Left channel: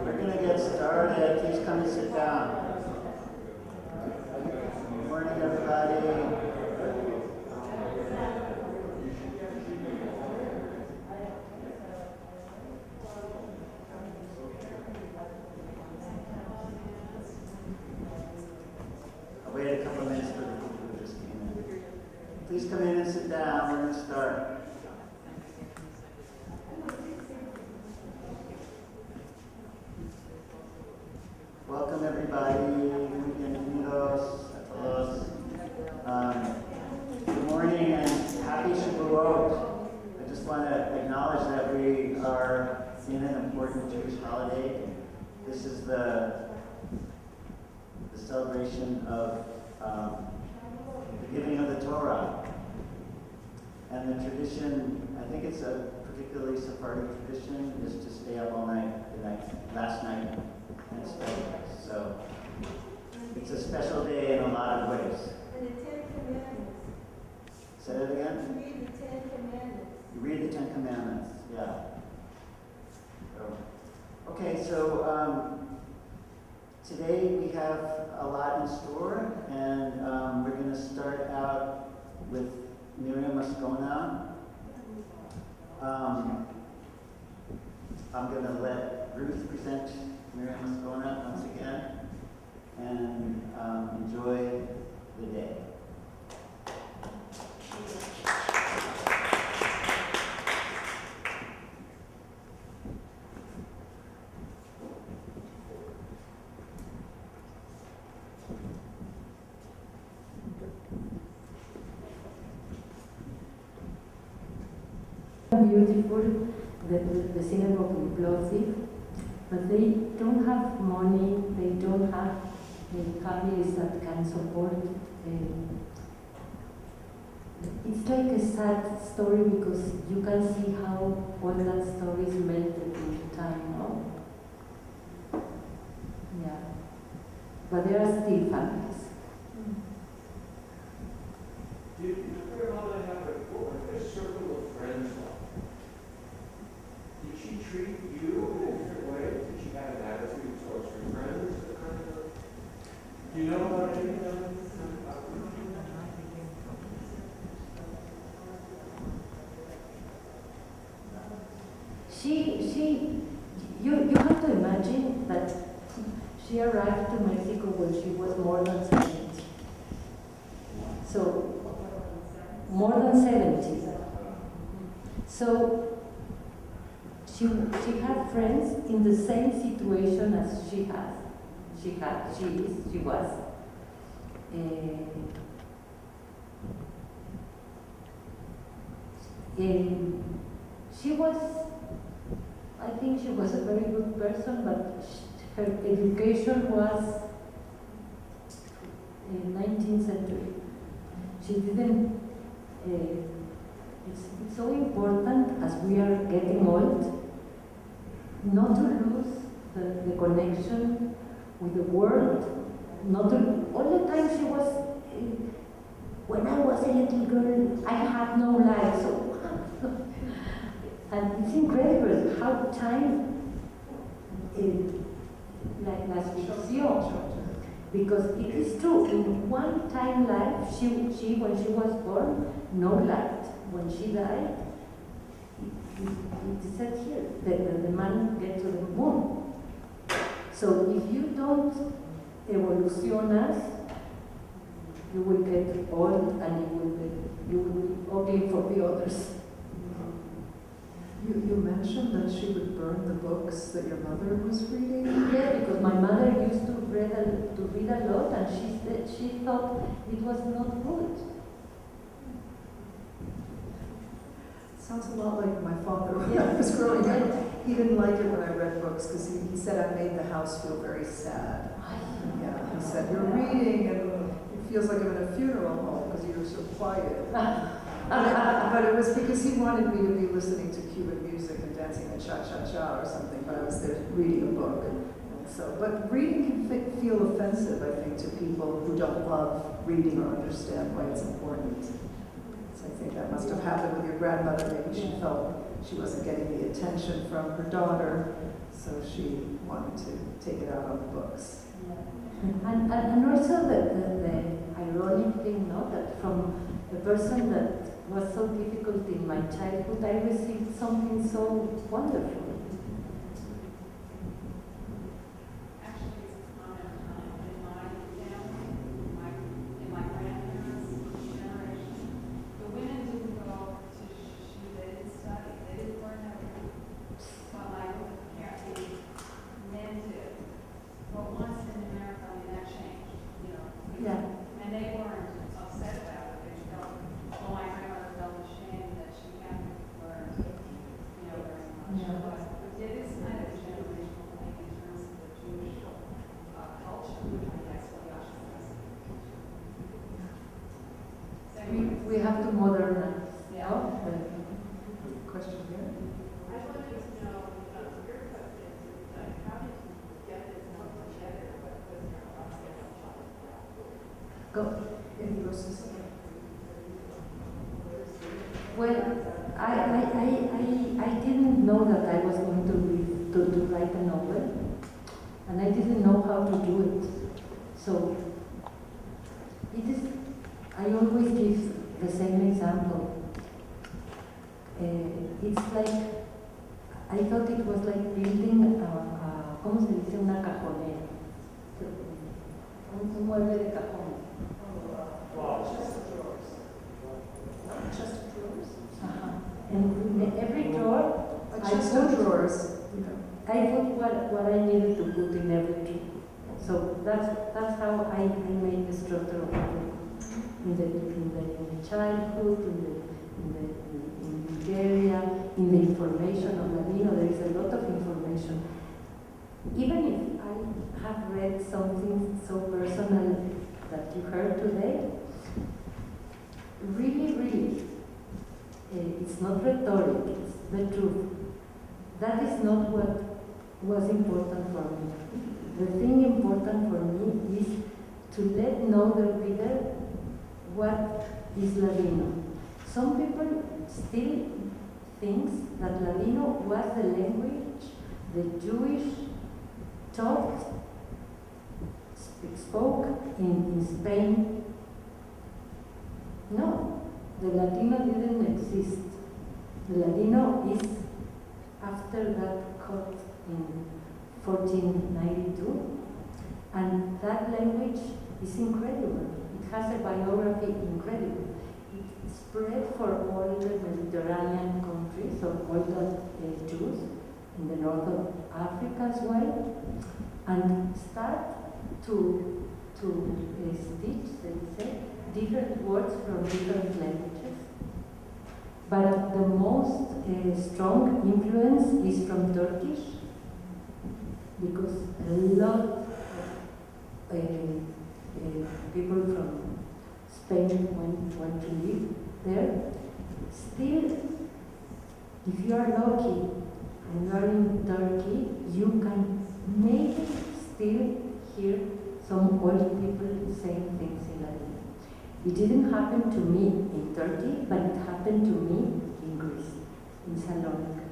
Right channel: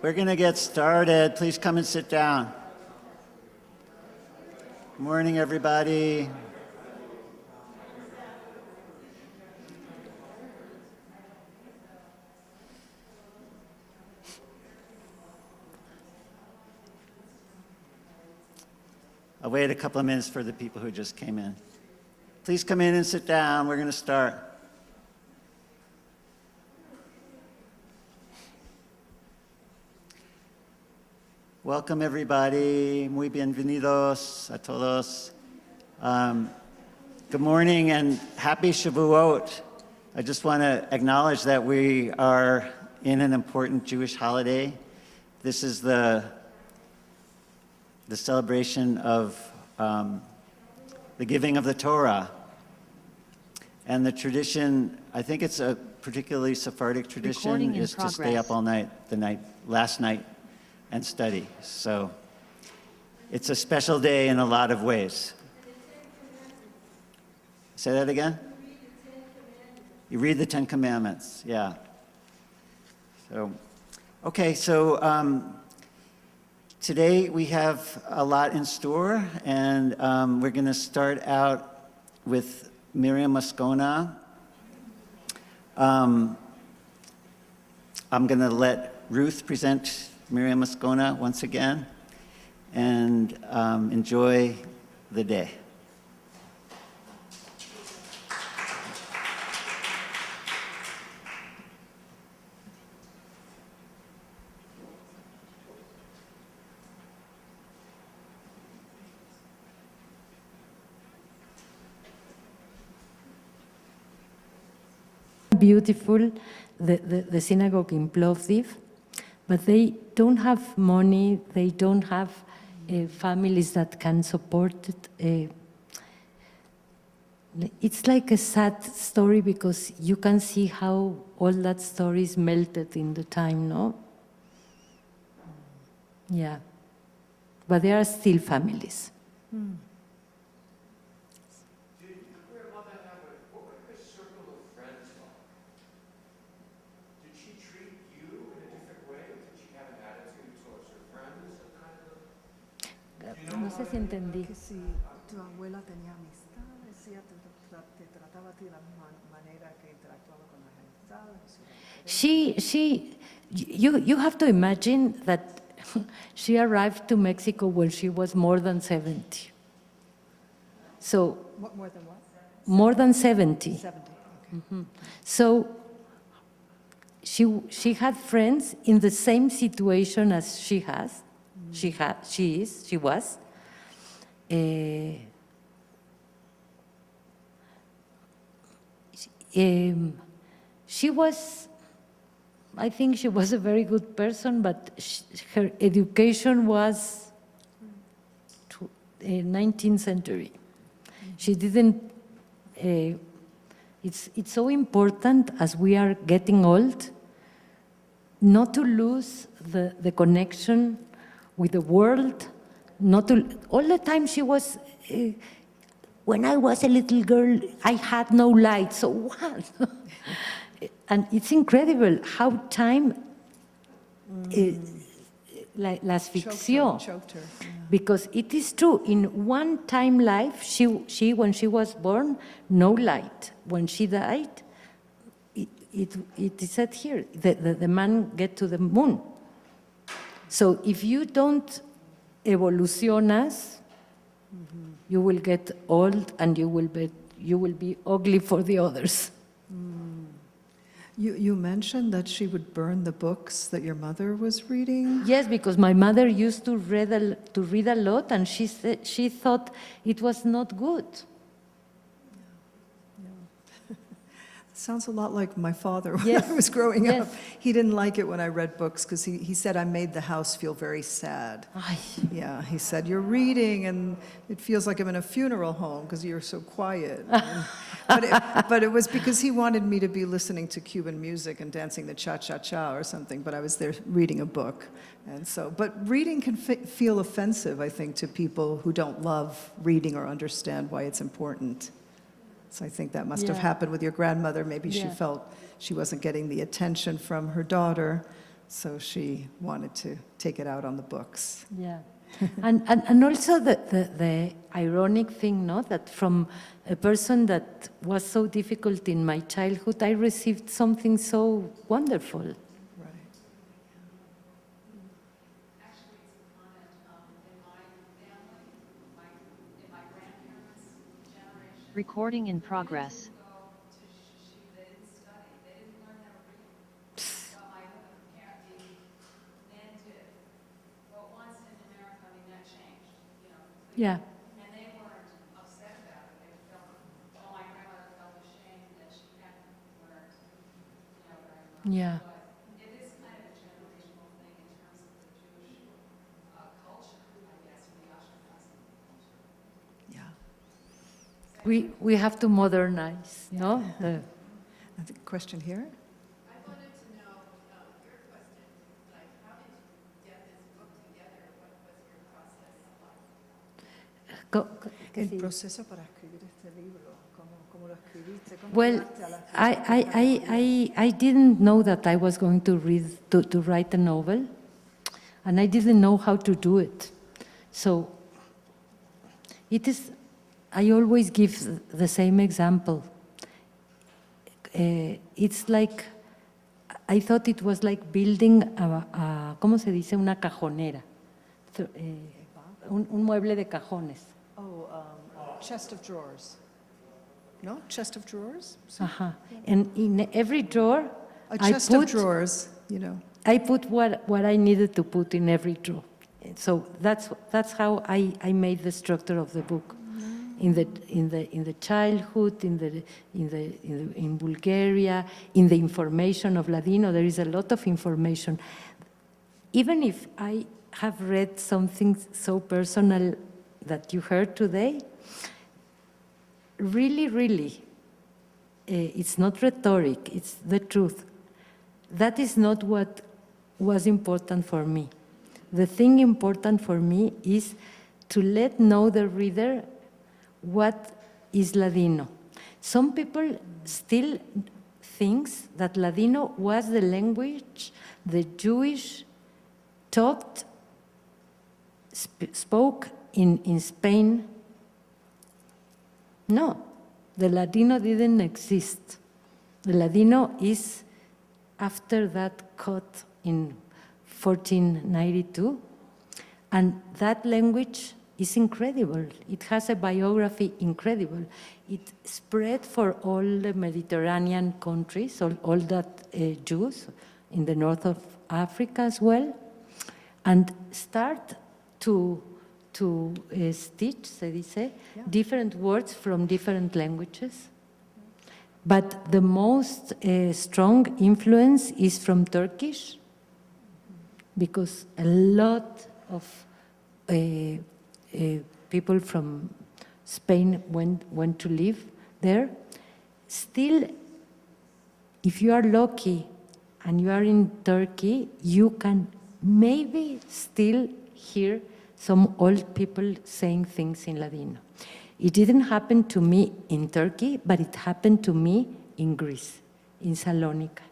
We're going to get started. Please come and sit down. Good morning, everybody. I'll wait a couple of minutes for the people who just came in. Please come in and sit down. We're going to start. Welcome, everybody. Muy bienvenidos a todos. Good morning and happy Shavuot. I just want to acknowledge that we are in an important Jewish holiday. This is the celebration of the giving of the Torah. And the tradition, I think it's a particularly Sephardic tradition, is to stay up all night, last night, and study. So it's a special day in a lot of ways. Say that again? You read the Ten Commandments, yeah. So, okay, so today we have a lot in store, and we're going to start out with Myriam Moscona. I'm going to let Ruth present Myriam Moscona once again, and enjoy the day. Beautiful, the synagogue in Plovdiv, but they don't have money, they don't have families that can support it. It's like a sad story because you can see how all that story is melted in the time, no? Yeah, but there are still families. You have to imagine that she arrived to Mexico when she was more than 70. So, more than 70. Mm-hmm. So, she had friends in the same situation as she was. She was, I think she was a very good person, but her education was 19th century. She didn't, it's so important as we are getting old not to lose the connection with the world, not to, all the time she was, when I was a little girl, I had no light, so what? And it's incredible how time las ficción, because it is true. In one time life, she when she was born, no light. When she died, it is said here the man get to the moon. So if you don't evolucionas, you will get old and you will be ugly for the others. You mentioned that she would burn the books that your mother was reading? Yes, because my mother used to read a lot, and she thought it was not good. Sounds a lot like my father when Yes. I was growing Yes. up. He didn't like it when I read books because he said I made the house feel very sad. Ay. Yeah, he said, you're reading and it feels like I'm in a funeral home because you're so quiet. But it was because he wanted me to be listening to Cuban music and dancing the cha-cha-cha or something, but I was there reading a book. And so, but reading can feel offensive, I think, to people who don't love reading or understand why it's important. So I think that must have happened with your grandmother. Maybe she felt she wasn't getting the attention from her daughter. So she wanted to take it out on the books. Yeah. And also the ironic thing, no, that from a person that was so difficult in my childhood, I received something so wonderful. Recording in progress. Yeah. And they weren't upset about it. They felt, oh, my grandmother felt ashamed that she hadn't learned, very much. Yeah. But it is kind of a generational thing in terms of the Jewish culture, I guess, for Yasha. We have to modernize, no? Question here? I wanted to know your question, like, how did you get this one together? What was your process? Well, I didn't know that I was going to write a novel, and I didn't know how to do it. So I always give the same example. It's like, I thought it was like building ¿cómo se dice? Una cajonera. Un mueble de cajones. Chest of drawers. No? Chest of drawers? Uh-huh. And in every drawer, A chest of drawers, I put what I needed to put in every drawer. So that's how I made the structure of the book. In the childhood, in Bulgaria, in the information of Ladino, there is a lot of information. Even if I have read something so personal that you heard today, really, it's not rhetoric, it's the truth. That is not what was important for me. The thing important for me is to know the reader what is Ladino. Some people still think that Ladino was the language the Jewish spoke in Spain. No, the Ladino didn't exist. The Ladino is after that cut in 1492, and that language is incredible. It has a biography incredible. It spread for all the Mediterranean countries, all that Jews in the north of Africa as well, and start to stitch, se dice, different words from different languages. But the most strong influence is from Turkish, because a lot of people from Spain went to live there. Still, if you are lucky and you are in Turkey, you can maybe still hear some old people saying things in Ladino. It didn't happen to me in Turkey, but it happened to me in Greece, in Salonika.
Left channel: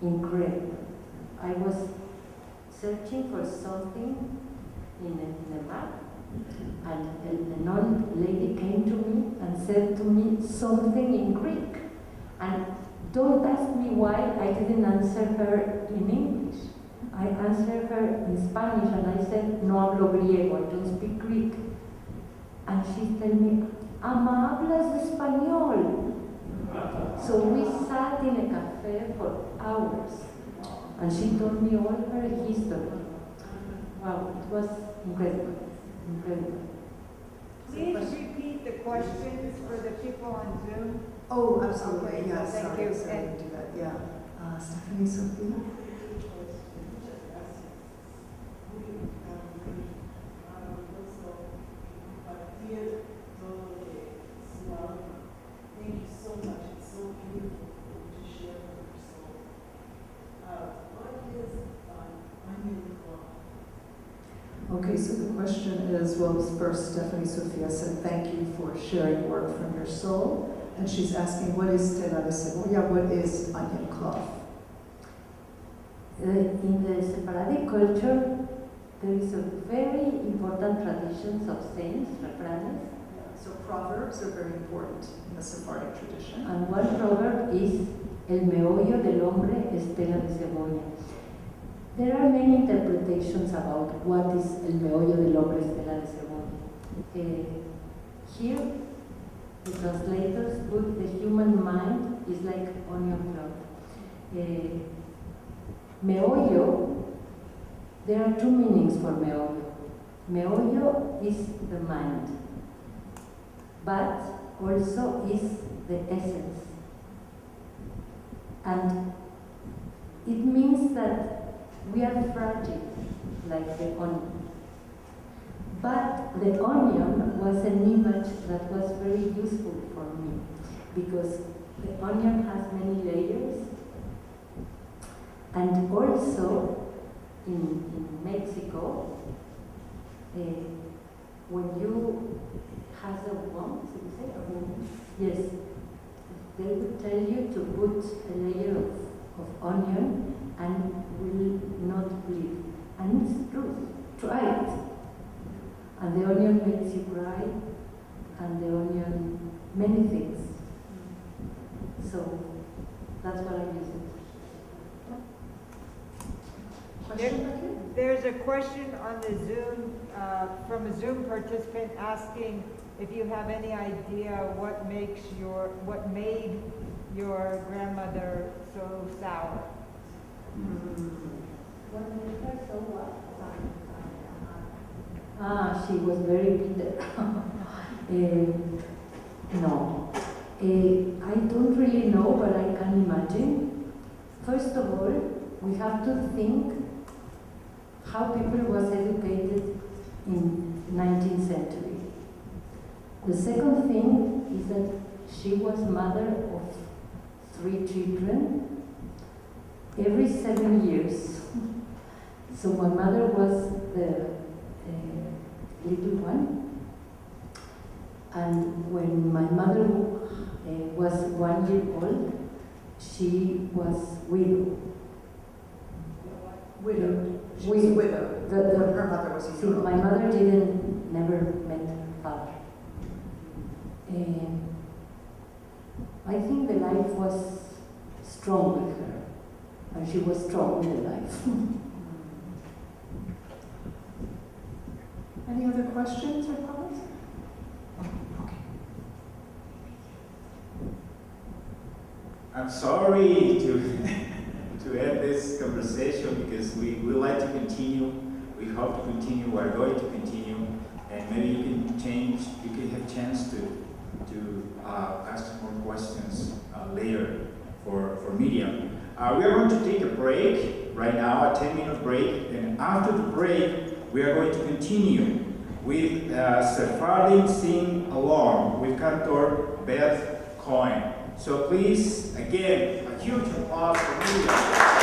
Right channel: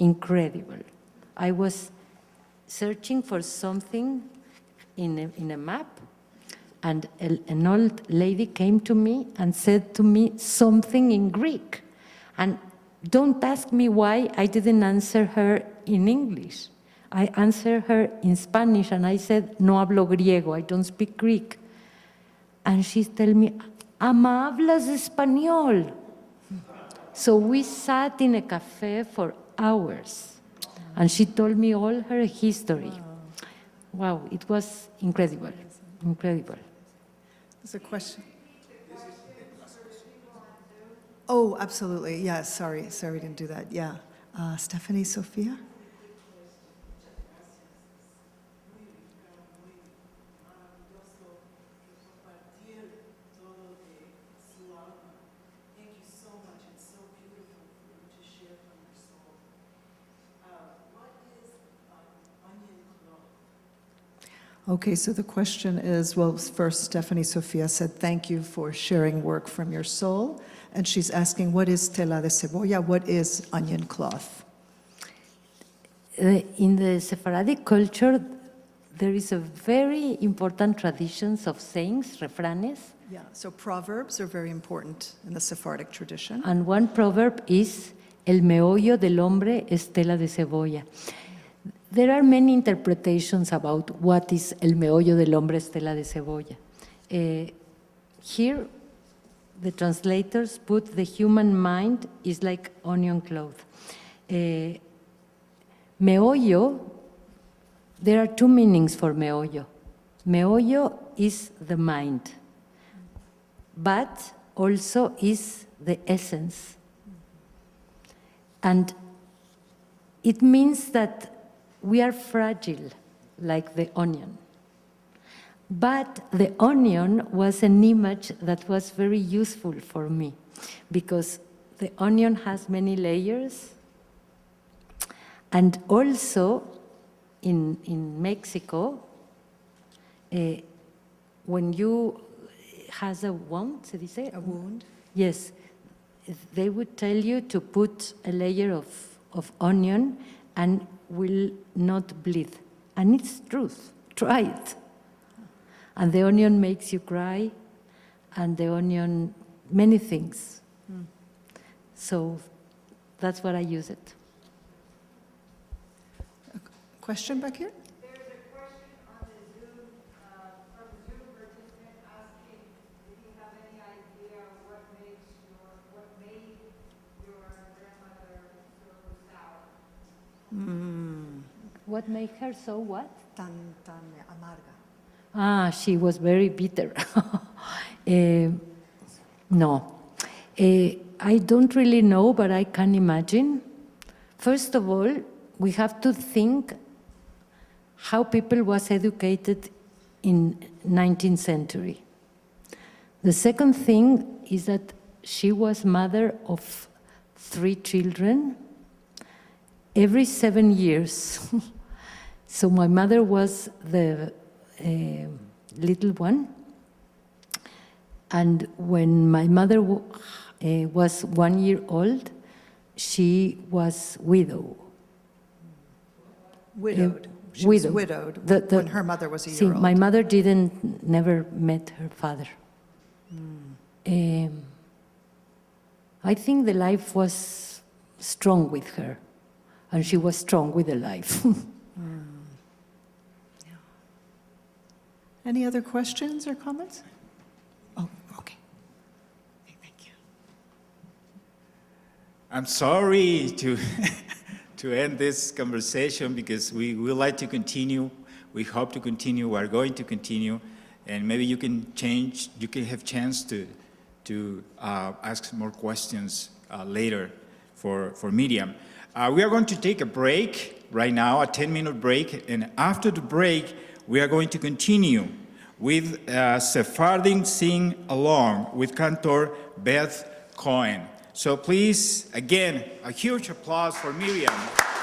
Incredible. I was searching for something in a map, and an old lady came to me and said to me something in Greek. And don't ask me why I didn't answer her in English. I answered her in Spanish, and I said, no hablo griego, I don't speak Greek. And she told me, ama hablas español. So we sat in a cafe for hours, and she told me all her history. Wow, it was incredible, incredible. Please repeat the questions for the people on Zoom. Oh, absolutely. Yeah, sorry, I didn't do that. Yeah. Stephanie, Sophia? Okay, so the question is, well, first Stephanie Sofia said, thank you for sharing work from your soul. And she's asking, what is tela de cebolla? What is onion cloth? In the Sephardic culture, there is a very important traditions of sayings, refranes, Yeah, so proverbs are very important in the Sephardic tradition. and one proverb is "El meollo del hombre es tela de cebolla." There are many interpretations about what is "el meollo del hombre es tela de cebolla." Here, the translators put the human mind is like onion cloth. Meollo, there are two meanings for meollo. Meollo is the mind, but also is the essence. And it means that we are fragile, like the onion. But the onion was an image that was very useful for me, because the onion has many layers. And also, in Mexico, when you has a wound, se dice? A wound. Yes, they would tell you to put a layer of onion and will not bleed. And it's truth, try it. And the onion makes you cry, and the onion, many things. So that's what I use it. Question back here? There's a question on the Zoom, from a Zoom participant asking if you have any idea what made your grandmother so sour. What made her so what? She was very bitter. No. I don't really know, but I can imagine. First of all, we have to think how people was educated in 19th century. The second thing is that she was mother of 3 children every 7 years. So my mother was the little one, and when my mother was 1 year old, she was widowed. She was widowed. widowed when her mother was a See, year old. my mother never met her father. I think the life was strong with her, and she was strong with the life. Any other questions or comments? Oh, okay. Thank you. I'm sorry to to end this conversation, because we would like to continue. We hope to continue. We are going to continue, and maybe you can change. You can have chance to ask some more questions later for Myriam. We are going to take a break right now, a 10-minute break, and after the break, we are going to continue with Sephardic Sing Along with Cantor Beth Cohen. So please, again, a huge applause for Myriam.